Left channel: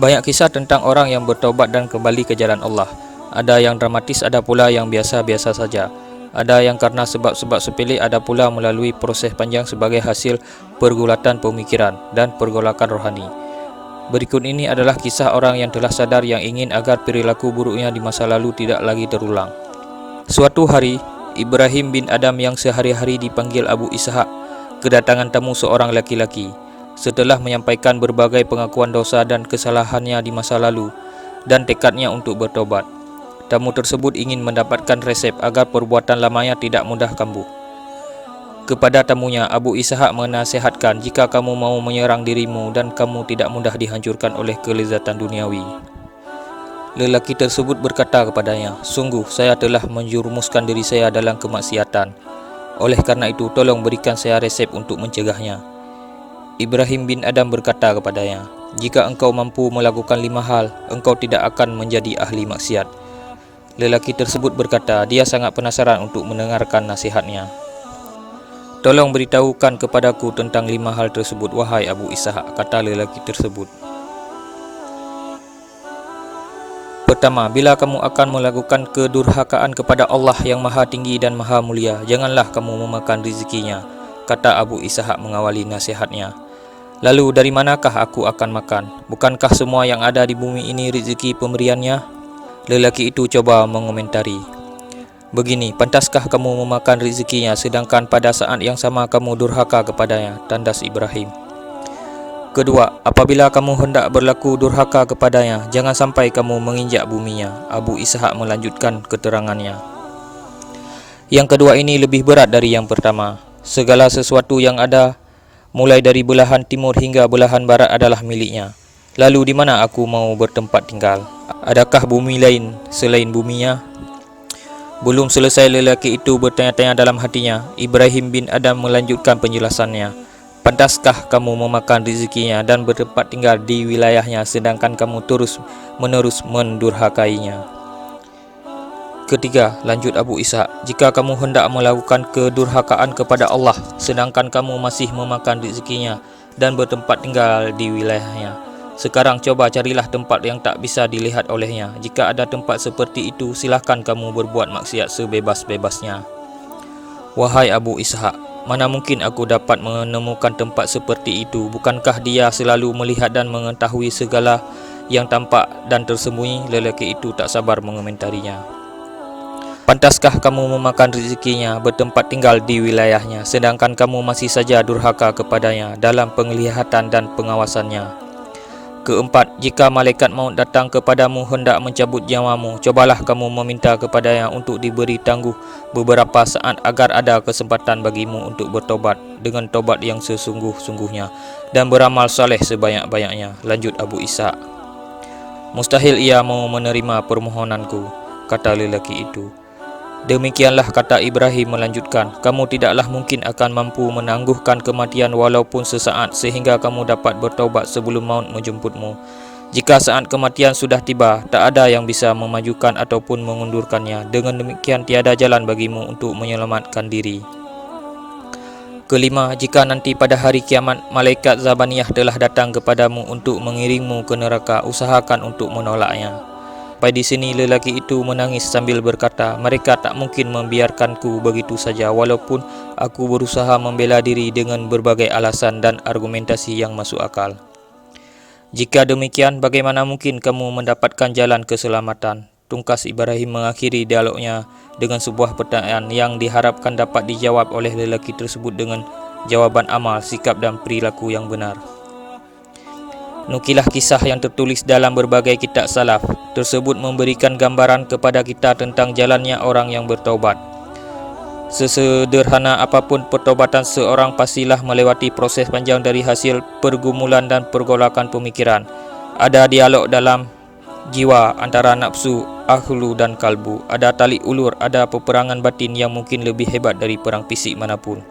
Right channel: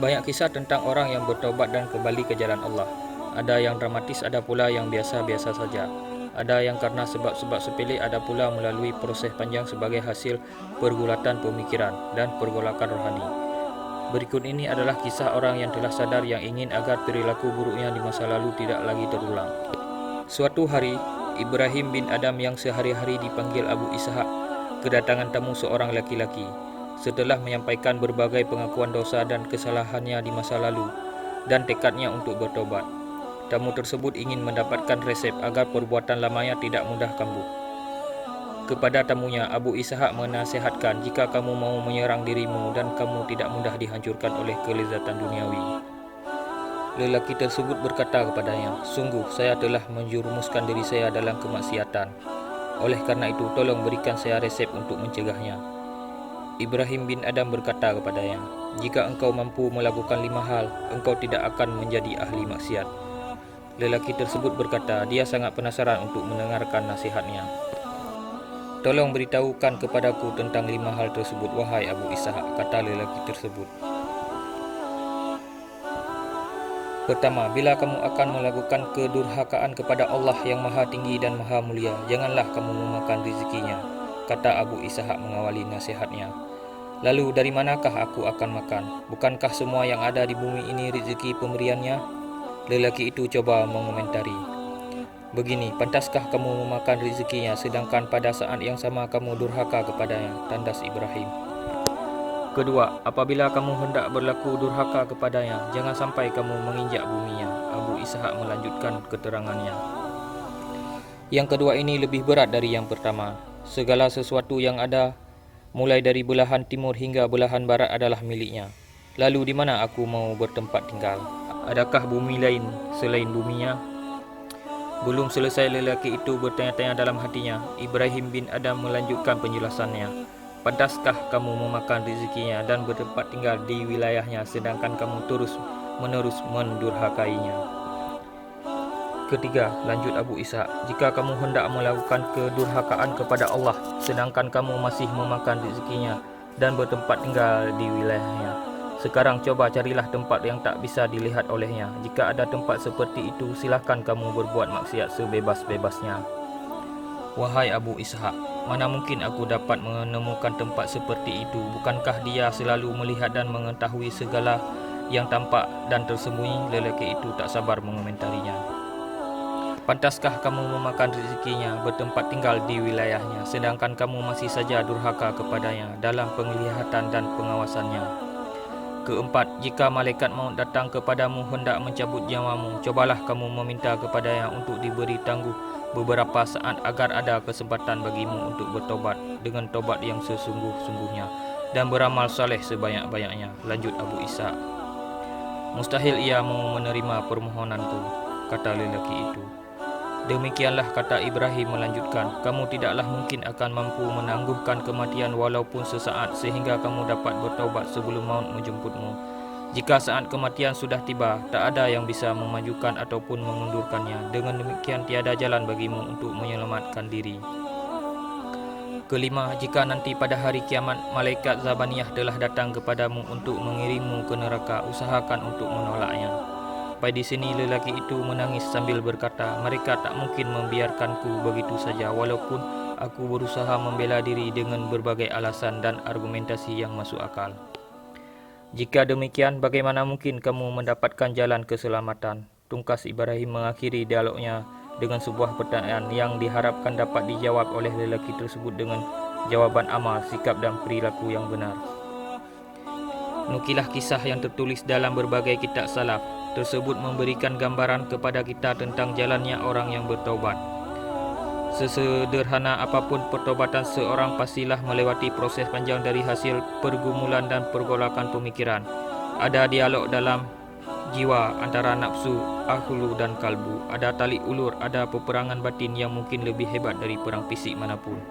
Banyak kisah tentang orang yang bertaubat dan kembali ke jalan Allah. Ada yang dramatis, ada pula yang biasa-biasa saja. Ada yang karena sebab-sebab sepele, ada pula melalui proses panjang sebagai hasil pergulatan pemikiran dan pergolakan rohani. Berikut ini adalah kisah orang yang telah sadar yang ingin agar perilaku buruknya di masa lalu tidak lagi terulang. Suatu hari, Ibrahim bin Adam yang sehari-hari dipanggil Abu Ishaq kedatangan tamu seorang laki-laki. Setelah menyampaikan berbagai pengakuan dosa dan kesalahannya di masa lalu dan tekadnya untuk bertobat, tamu tersebut ingin mendapatkan resep agar perbuatan lamanya tidak mudah kambuh. Kepada tamunya, Abu Ishaq menasihatkan, jika kamu mau menyerang dirimu dan kamu tidak mudah dihancurkan oleh kelezatan duniawi. Lelaki tersebut berkata kepadanya, sungguh saya telah menjerumuskan diri saya dalam kemaksiatan. Oleh karena itu, tolong berikan saya resep untuk mencegahnya. Ibrahim bin Adam berkata kepadanya, jika engkau mampu melakukan 5 hal, engkau tidak akan menjadi ahli maksiat. Lelaki tersebut berkata, dia sangat penasaran untuk mendengarkan nasihatnya. Tolong beritahukan kepadaku tentang 5 hal tersebut, wahai Abu Ishaq, kata lelaki tersebut. Pertama, bila kamu akan melakukan kedurhakaan kepada Allah yang Maha Tinggi dan Maha Mulia, janganlah kamu memakan rezekinya, kata Abu Ishaq mengawali nasihatnya. Lalu dari manakah aku akan makan? Bukankah semua yang ada di bumi ini rezeki pemberiannya? Lelaki itu coba mengomentari. Begini, pantaskah kamu memakan rezekinya sedangkan pada saat yang sama kamu durhaka kepadanya? Tandas Ibrahim. Kedua, apabila kamu hendak berlaku durhaka kepadanya, jangan sampai kamu menginjak buminya. Abu Ishaq melanjutkan keterangannya. Yang kedua ini lebih berat dari yang pertama. Segala sesuatu yang ada, mulai dari belahan timur hingga belahan barat adalah miliknya. Lalu di mana aku mau bertempat tinggal? Adakah bumi lain selain buminya? Belum selesai lelaki itu bertanya-tanya dalam hatinya, Ibrahim bin Adam melanjutkan penjelasannya. Pantaskah kamu memakan rezekinya dan bertempat tinggal di wilayahnya sedangkan kamu terus-menerus mendurhakainya? Ketiga, lanjut Abu Ishaq, jika kamu hendak melakukan kedurhakaan kepada Allah sedangkan kamu masih memakan rezekinya dan bertempat tinggal di wilayahnya, sekarang coba carilah tempat yang tak bisa dilihat olehnya. Jika ada tempat seperti itu, silahkan kamu berbuat maksiat sebebas-bebasnya. Wahai Abu Ishaq, mana mungkin aku dapat menemukan tempat seperti itu? Bukankah dia selalu melihat dan mengetahui segala yang tampak dan tersembunyi? Lelaki itu tak sabar mengomentarinya. Pantaskah kamu memakan rezekinya, bertempat tinggal di wilayahnya, sedangkan kamu masih saja durhaka kepadanya dalam penglihatan dan pengawasannya? Keempat, jika malaikat maut datang kepadamu hendak mencabut nyawamu, cobalah kamu meminta kepadanya untuk diberi tangguh beberapa saat agar ada kesempatan bagimu untuk bertobat dengan tobat yang sesungguh-sungguhnya dan beramal saleh sebanyak-banyaknya. Lanjut Abu Ishaq. Mustahil ia mau menerima permohonanku, kata lelaki itu. Demikianlah, kata Ibrahim melanjutkan, kamu tidaklah mungkin akan mampu menangguhkan kematian walaupun sesaat sehingga kamu dapat bertaubat sebelum maut menjemputmu. Jika saat kematian sudah tiba, tak ada yang bisa memajukan ataupun mengundurkannya. Dengan demikian tiada jalan bagimu untuk menyelamatkan diri. Kelima, jika nanti pada hari kiamat malaikat Zabaniyah telah datang kepadamu untuk mengiringmu ke neraka, usahakan untuk menolaknya. Sampai di sini lelaki itu menangis sambil berkata, mereka tak mungkin membiarkanku begitu saja walaupun aku berusaha membela diri dengan berbagai alasan dan argumentasi yang masuk akal. Jika demikian, bagaimana mungkin kamu mendapatkan jalan keselamatan? Tungkas Ibrahim mengakhiri dialognya dengan sebuah pertanyaan yang diharapkan dapat dijawab oleh lelaki tersebut dengan jawaban amal, sikap dan perilaku yang benar. Nukilah kisah yang tertulis dalam berbagai kitab salaf tersebut memberikan gambaran kepada kita tentang jalannya orang yang bertaubat. Sesederhana apapun pertobatan seorang, pastilah melewati proses panjang dari hasil pergumulan dan pergolakan pemikiran. Ada dialog dalam jiwa antara nafsu, akhlu dan kalbu. Ada tali ulur, ada peperangan batin yang mungkin lebih hebat dari perang fisik manapun.